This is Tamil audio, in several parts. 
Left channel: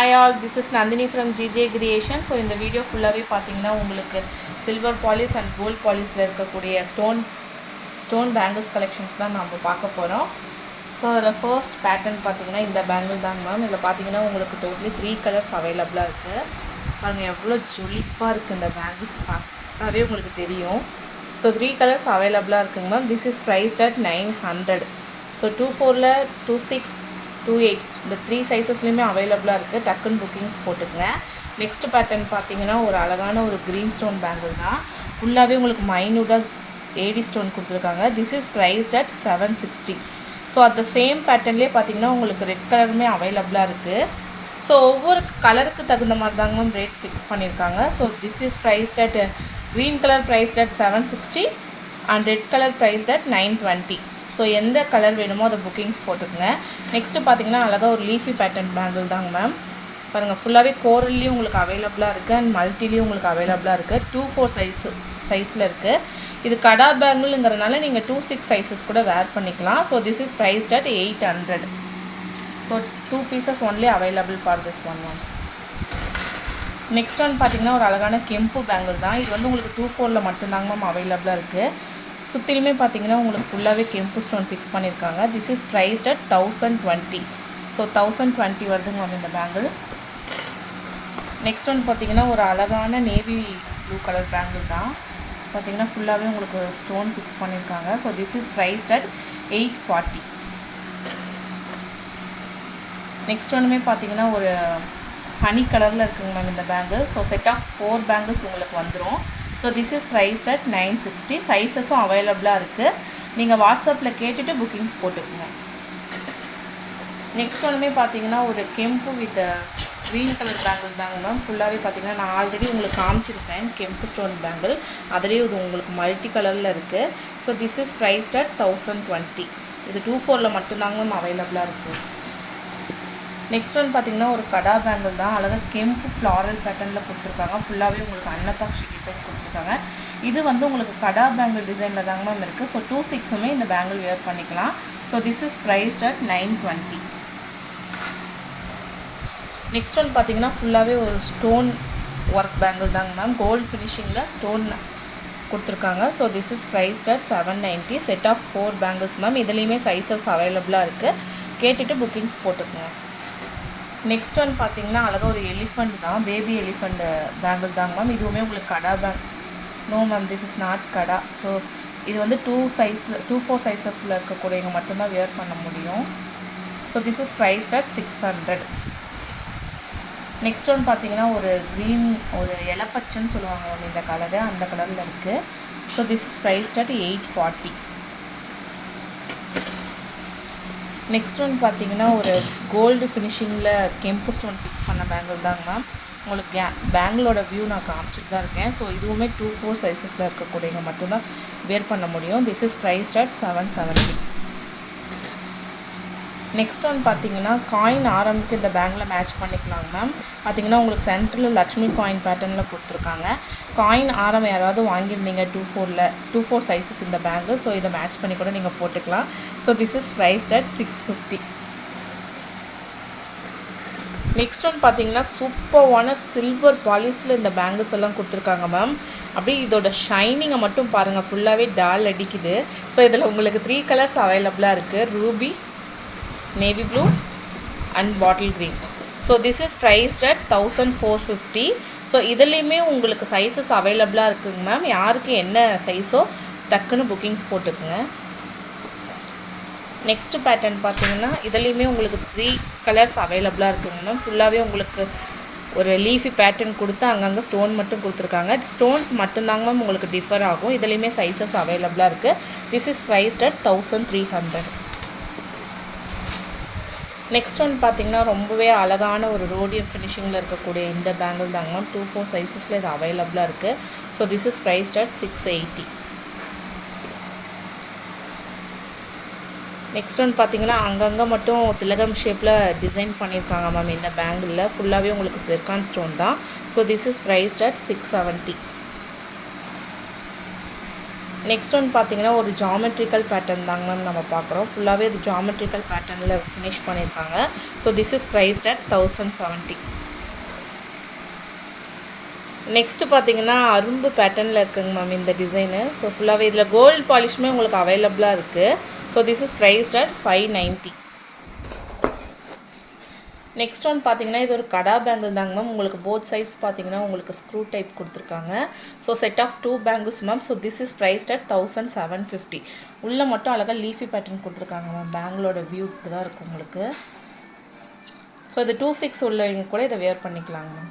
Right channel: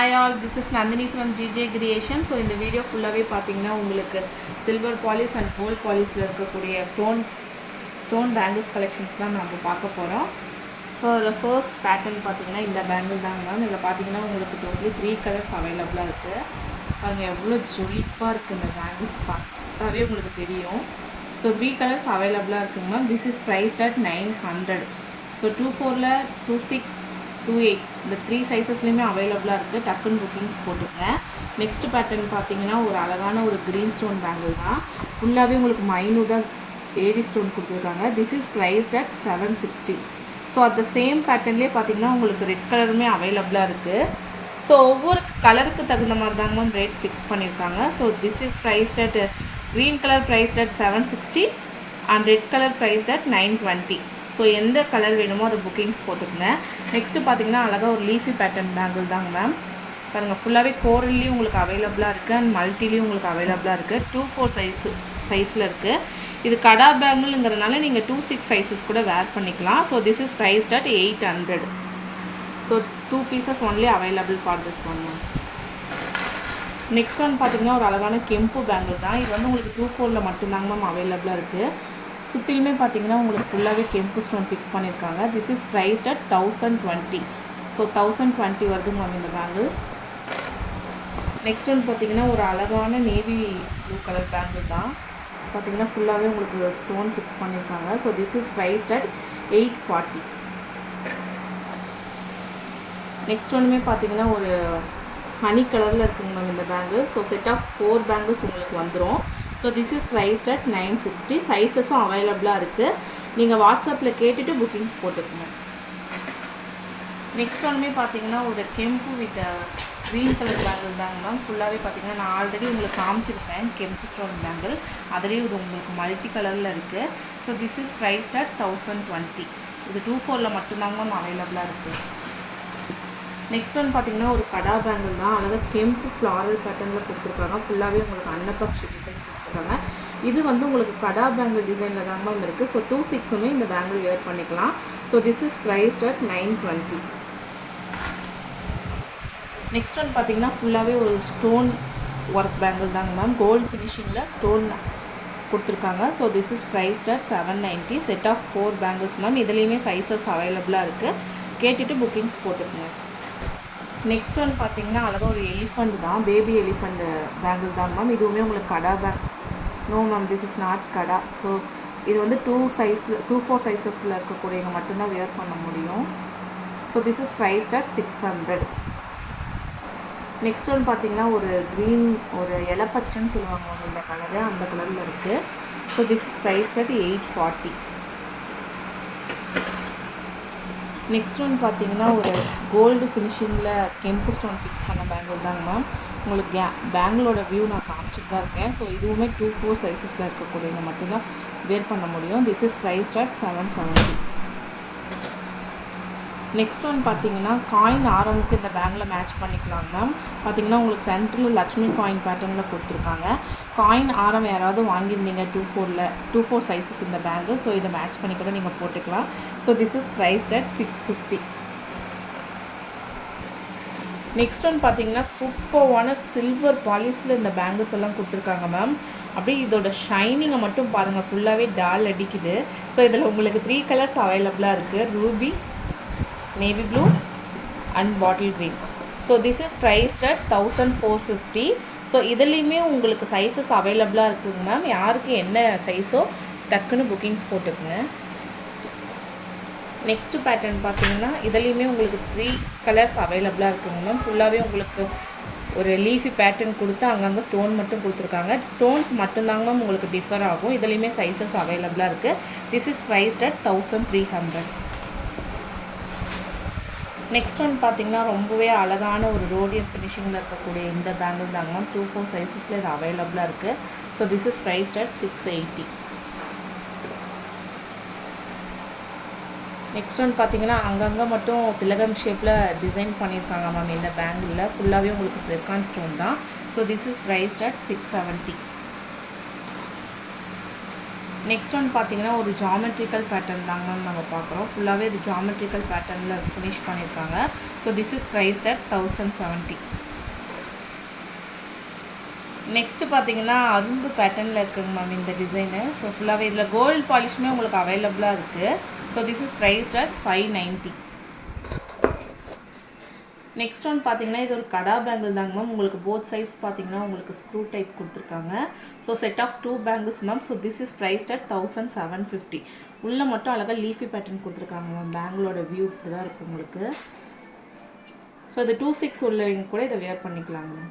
Hi all, this is Nandini from GJ Creation. So இந்த வீடியோ ஃபுல்லாகவே பார்த்தீங்கன்னா உங்களுக்கு சில்வர் பாலிஷ் அண்ட் கோல்ட் பாலிஷில் இருக்கக்கூடிய ஸ்டோன் பேங்கிள்ஸ் கலெக்ஷன்ஸ் தான் நம்ம பார்க்க போகிறோம். ஸோ அதில் ஃபர்ஸ்ட் பேட்டர்ன் பார்த்தீங்கன்னா இந்த பேங்கிள் தாங்க மேம். இதில் பார்த்தீங்கன்னா உங்களுக்கு டோட்டலி 3 கலர்ஸ் அவைலபிளாக இருக்குது. அங்கே எவ்வளோ ஜொலிப்பாக இருக்குது இந்த பேங்கிள்ஸ் பார்த்தாவே உங்களுக்கு தெரியும். ஸோ 3 கலர்ஸ் அவைலபிளாக இருக்குங்க ma'am. This is priced at 900. So 24ல் 26 28 இந்த 3 சைஸஸ்லையுமே அவைலபிளாக இருக்குது. டக்குன்னு புக்கிங்ஸ் போட்டுக்கங்க. நெக்ஸ்ட் பேட்டர்ன் பார்த்தீங்கன்னா ஒரு அழகான ஒரு க்ரீன் ஸ்டோன் பேங்கிள் தான். ஃபுல்லாகவே உங்களுக்கு மைனூட்டாக ஏடி ஸ்டோன் கொடுத்துருக்காங்க. This is priced at 760. So அந்த சேம் பேட்டர்ன்லேயே பார்த்தீங்கன்னா உங்களுக்கு ரெட் கலருமே அவைலபிளாக இருக்குது. ஸோ ஒவ்வொரு கலருக்கு தகுந்த மாதிரி தாங்க மேம் ரேட் ஃபிக்ஸ் பண்ணியிருக்காங்க. So this is priced at green colour prized at 760 and red colour prized at 920. So எந்த கலர் வேணுமோ அதை புக்கிங்ஸ் போட்டுக்கோங்க. நெக்ஸ்ட்டு பார்த்தீங்கன்னா அழகாக ஒரு லீஃபி பேட்டர்ன் பேங்கிள் தாங்க மேம். பாருங்கள் ஃபுல்லாகவே கோரல்லையும் உங்களுக்கு அவைலபிளாக இருக்குது அண்ட் மல்டிலையும் உங்களுக்கு அவைலபிளாக இருக்குது. 24 சைஸில் இருக்குது. இது கடா பேங்கிள்ங்கிறதுனால நீங்கள் 26 சைஸஸ் கூட வேர் பண்ணிக்கலாம். So this is priced at 800. So 2 pieces only available for this one ma'am. Next one பார்த்தீங்கன்னா ஒரு அழகான கெம்பு பேங்கிள் தான். இது வந்து உங்களுக்கு 24ல் மட்டும்தாங்க மேம் அவைலபிளாக இருக்குது. சுற்றிலுமே பார்த்தீங்கன்னா உங்களுக்கு ஃபுல்லாகவே கெம்பு ஸ்டோன் ஃபிக்ஸ் பண்ணியிருக்காங்க. This is priced at 1020. So 1020 வருதுங்க மேம் இந்த பேங்கிள். நெக்ஸ்ட் ஒன் பார்த்தீங்கன்னா ஒரு அழகான நேவி ப்ளூ கலர் பேங்கிள் தான். பார்த்தீங்கன்னா ஃபுல்லாகவே உங்களுக்கு ஸ்டோன் ஃபிக்ஸ் பண்ணியிருக்காங்க. So this is priced at 840. Next ஒன்றுமே பார்த்தீங்கன்னா ஒரு ஹனி கலரில் இருக்குங்க மேம் இந்த bangle. So set of 4 bangles உங்களுக்கு வந்துடும். So this is priced at 960. சைஸஸும் அவைலபிளாக இருக்குது. நீங்கள் வாட்ஸ்அப்பில் கேட்டுட்டு புக்கிங்ஸ் போட்டுக்கோங்க. நெக்ஸ்ட் ஒன்றுமே பார்த்தீங்கன்னா ஒரு கெம்பு வித் க்ரீன் கலர் பேங்கிள் தாங்க மேம். ஃபுல்லாகவே பார்த்தீங்கன்னா நான் ஆல்ரெடி உங்களுக்கு காமிச்சிருக்கேன் கெம்பு ஸ்டோன் பேங்கிள். அதுலேயே இது உங்களுக்கு மல்டி கலரில் இருக்குது. So this is priced at 1020. இது 24ல் மட்டும்தாங்க மேம் அவைலபிளாக இருக்குது. நெக்ஸ்ட் ஒன் பார்த்தீங்கன்னா ஒரு கடா பேங்கிள் தான். அழகாக கெம்பு ஃப்ளாரல் பேட்டர்னில் கொடுத்துருக்காங்க. ஃபுல்லாகவே உங்களுக்கு அன்னப்பக்ஷி டிசைன் கொடுத்துருக்காங்க. இது வந்து உங்களுக்கு கடா பேங்கிள் டிசைனில் தாங்க மேம் இருக்குது. ஸோ 26மே இந்த பேங்கிள் வேர் பண்ணிக்கலாம். So this is priced at 920. Next one பார்த்தீங்கன்னா ஃபுல்லாகவே ஒரு ஸ்டோன் ஒர்க் பேங்கிள் தாங்க மேம். கோல்டு ஃபினிஷிங்கில் ஸ்டோன் கொடுத்துருக்காங்க. So this is priced at 790. Set of 4 bangles ma'am. இதுலேயுமே சைஸஸ் அவைலபிளாக இருக்குது. கேட்டுட்டு புக்கிங்ஸ் போட்டுக்கோங்க. நெக்ஸ்ட் ஒன் பார்த்தீங்கன்னா அழகாக ஒரு எலிஃபண்ட் தான். பேபி எலிஃபண்ட் பேங்கிள் தாங்க மேம். இதுவுமே உங்களுக்கு kada no ma'am, this is not kada. So இது வந்து 24 சைஸஸில் இருக்கக்கூடியவங்க மட்டும்தான் வேர் பண்ண முடியும். So this is priced at 600. Next one பார்த்தீங்கன்னா ஒரு க்ரீன் ஒரு இலப்பச்சன்னு சொல்லுவாங்க இந்த கலரு, அந்த கலரில் இருக்குது. So this is priced at 840. Next one பார்த்தீங்கன்னா ஒரு கோல்டு ஃபினிஷிங்கில் கெம்பு ஸ்டோன் ஃபிக்ஸ் பண்ண பேங்கிள் தாங்க மேம். உங்களுக்கு பேங்கிளோட வியூ நான் காமிச்சிட்டு தான் இருக்கேன். ஸோ இதுவுமே 24 சைஸஸில் இருக்கக்கூடியவங்க மட்டும்தான் வேர் பண்ண முடியும். This is priced at 770. Next one பார்த்தீங்கன்னா காயின் ஆரம்புக்கு இந்த பேங்கில் மேட்ச் பண்ணிக்கலாம் மேம். பார்த்தீங்கன்னா உங்களுக்கு சென்டரில் லக்ஷ்மி காயின் பேட்டர்னில் கொடுத்துருக்காங்க. காயின் ஆரம் யாராவது வாங்கியிருந்தீங்க 24 சைஸஸ் இந்த பேங்கிள். ஸோ இதை மேட்ச் பண்ணி கூட நீங்கள் போட்டுக்கலாம். So this is priced at 650. Next one பார்த்தீங்கன்னா சூப்பர்வான சில்வர் பாலிஷில் இந்த பேங்கிள்ஸ் எல்லாம் கொடுத்துருக்காங்க மேம். அப்படியே இதோட ஷைனிங்கை மட்டும் பாருங்கள், ஃபுல்லாகவே டால் அடிக்குது. ஸோ இதில் உங்களுக்கு 3 கலர்ஸ் அவைலபிளாக இருக்குது. Ruby, navy blue and bottle green. So this is priced at 1450. So இதுலேயுமே உங்களுக்கு சைஸஸ் அவைலபிளாக இருக்குங்க மேம். யாருக்கு என்ன சைஸோ டக்குன்னு புக்கிங்ஸ் போட்டுக்குங்க. நெக்ஸ்ட்டு பேட்டர்ன் பார்த்தீங்கன்னா இதுலேயுமே உங்களுக்கு 3 கலர்ஸ் அவைலபிளாக இருக்குங்க மேம். ஃபுல்லாகவே உங்களுக்கு ஒரு லீஃபி பேட்டர்ன் கொடுத்து அங்கங்கே ஸ்டோன் மட்டும் கொடுத்துருக்காங்க. ஸ்டோன்ஸ் மட்டும்தாங்க மேம் உங்களுக்கு டிஃபர் ஆகும். இதுலேயுமே சைஸஸ் அவைலபிளாக இருக்குது. This is priced at 1300. Next one பார்த்தீங்கன்னா ரொம்பவே அழகான ஒரு ரோடியம் ஃபினிஷிங்கில் இருக்கக்கூடிய இந்த பேங்கிள் தாங்க மேம். 24 சைஸஸில் இது அவைலபிளாக இருக்குது. So this is priced at 680. Next one பார்த்தீங்கன்னா அங்கங்கே மட்டும் திலகம் ஷேப்பில் டிசைன் பண்ணியிருக்காங்க மேம் இந்த பேங்கிளில். ஃபுல்லாகவே உங்களுக்கு சிர்கான் ஸ்டோன் தான். So this is priced at 670. Next one பார்த்தீங்கன்னா ஒரு ஜாமெட்ரிக்கல் பேட்டர்ன் தாங்க நம்ம பார்க்குறோம். ஃபுல்லாகவே இது ஜாமெட்ரிக்கல் பேட்டர்னில் ஃபினிஷ் பண்ணியிருக்காங்க. So this is priced at 1070. Next பார்த்தீங்கன்னா அரும்பு பேட்டர்னில் இருக்குங்க மேம் இந்த டிசைனு. ஸோ ஃபுல்லாகவே இதில் கோல்டு பாலிஷுமே உங்களுக்கு அவைலபிளாக இருக்குது. So this is priced at 590. Next one பார்த்தீங்கன்னா இது ஒரு கடா பேங்கிள் தாங்க மேம். உங்களுக்கு போத் சைட்ஸ் பார்த்தீங்கன்னா உங்களுக்கு ஸ்க்ரூ டைப் கொடுத்துருக்காங்க. So set of 2 bangles ma'am. So this is priced at 1750. உள்ளே மட்டும் அழகாக லீஃபி பேட்டர்ன் கொடுத்துருக்காங்க மேம். பேங்கிளோட வியூ இப்படி தான் இருக்கும் உங்களுக்கு. ஸோ இது 2/6 உள்ளவங்க கூட இதை வேர் பண்ணிக்கலாங்க மேம்.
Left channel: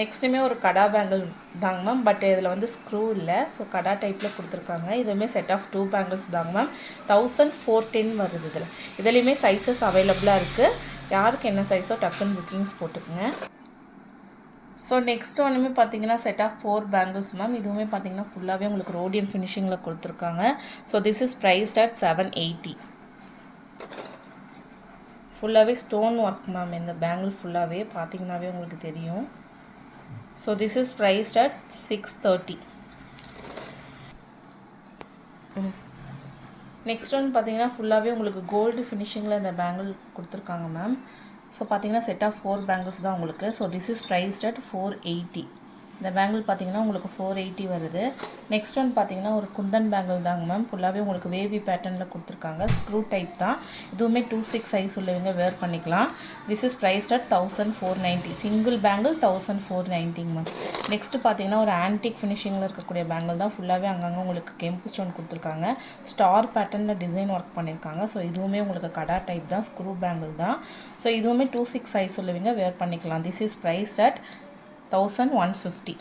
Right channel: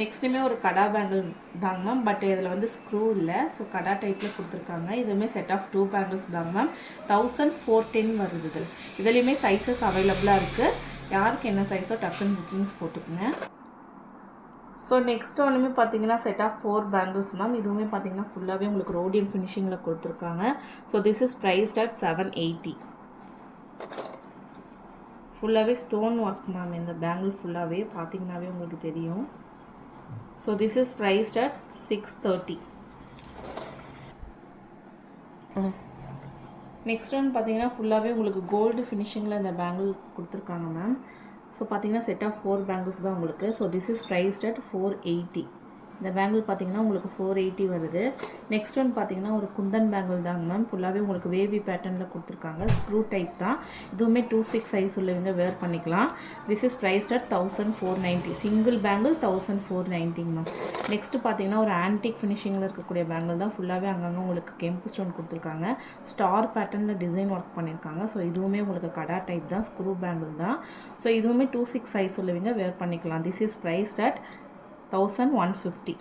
நெக்ஸ்ட்டுமே ஒரு கடா பேங்கிள் தாங்க மேம். பட் இதில் வந்து ஸ்க்ரூ இல்லை. ஸோ கடா டைப்பில் கொடுத்துருக்காங்க. இதுவுமே செட் ஆஃப் 2 பேங்கிள்ஸ் தாங்க மேம். 1410 வருது. இதுலேயுமே சைஸஸ் அவைலபிளாக இருக்குது. யாருக்கு என்ன சைஸோ டக்குன்னு புக்கிங்ஸ் போட்டுக்குங்க. ஸோ நெக்ஸ்ட் ஒன்றுமே பார்த்தீங்கன்னா செட் ஆஃப் 4 பேங்கிள்ஸ் மேம். இதுவுமே பார்த்தீங்கன்னா ஃபுல்லாகவே உங்களுக்கு ரோடியம் ஃபினிஷிங்கில் கொடுத்துருக்காங்க. So this is priced at 780. ஃபுல்லாகவே ஸ்டோன் ஒர்க் மேம். இந்த பேங்கிள் ஃபுல்லாகவே பார்த்தீங்கன்னாவே உங்களுக்கு தெரியும். So this is priced at 630. Next one பார்த்தீங்கன்னா ஃபுல்லாகவே உங்களுக்கு கோல்டு ஃபினிஷிங்கில் இந்த பேங்கிள் கொடுத்துருக்காங்க மேம். ஸோ பார்த்தீங்கன்னா செட் ஆஃப் 4 பேங்கிள்ஸ் தான் உங்களுக்கு. So this is priced at 480. இந்த பேங்கிள் பார்த்தீங்கன்னா உங்களுக்கு 480 வருது. நெக்ஸ்ட் ஒன் பார்த்தீங்கன்னா ஒரு குந்தன் பேங்கிள் தாங்க மேம். ஃபுல்லாகவே உங்களுக்கு வேவி பேட்டர்னில் கொடுத்துருக்காங்க. ஸ்க்ரூ டைப் தான். இதுவுமே 2/6 சைஸ் உள்ளவங்க வேர் பண்ணிக்கலாம். This is priced at 1490. Single bangle 1490 ma'am. Next பார்த்தீங்கன்னா ஒரு ஆன்டிக் ஃபினிஷிங்கில் இருக்கக்கூடிய பேங்கிள் தான். ஃபுல்லாகவே அங்கங்கே உங்களுக்கு கெம்பு ஸ்டோன் கொடுத்துருக்காங்க. ஸ்டார் பேட்டர்னில் டிசைன் ஒர்க் பண்ணியிருக்காங்க. ஸோ இதுவுமே உங்களுக்கு கடா டைப் தான். ஸ்க்ரூ பேங்கிள் தான். ஸோ இதுவுமே 2/6 சைஸ் உள்ளவங்க வேர் பண்ணிக்கலாம். This is priced at 1150.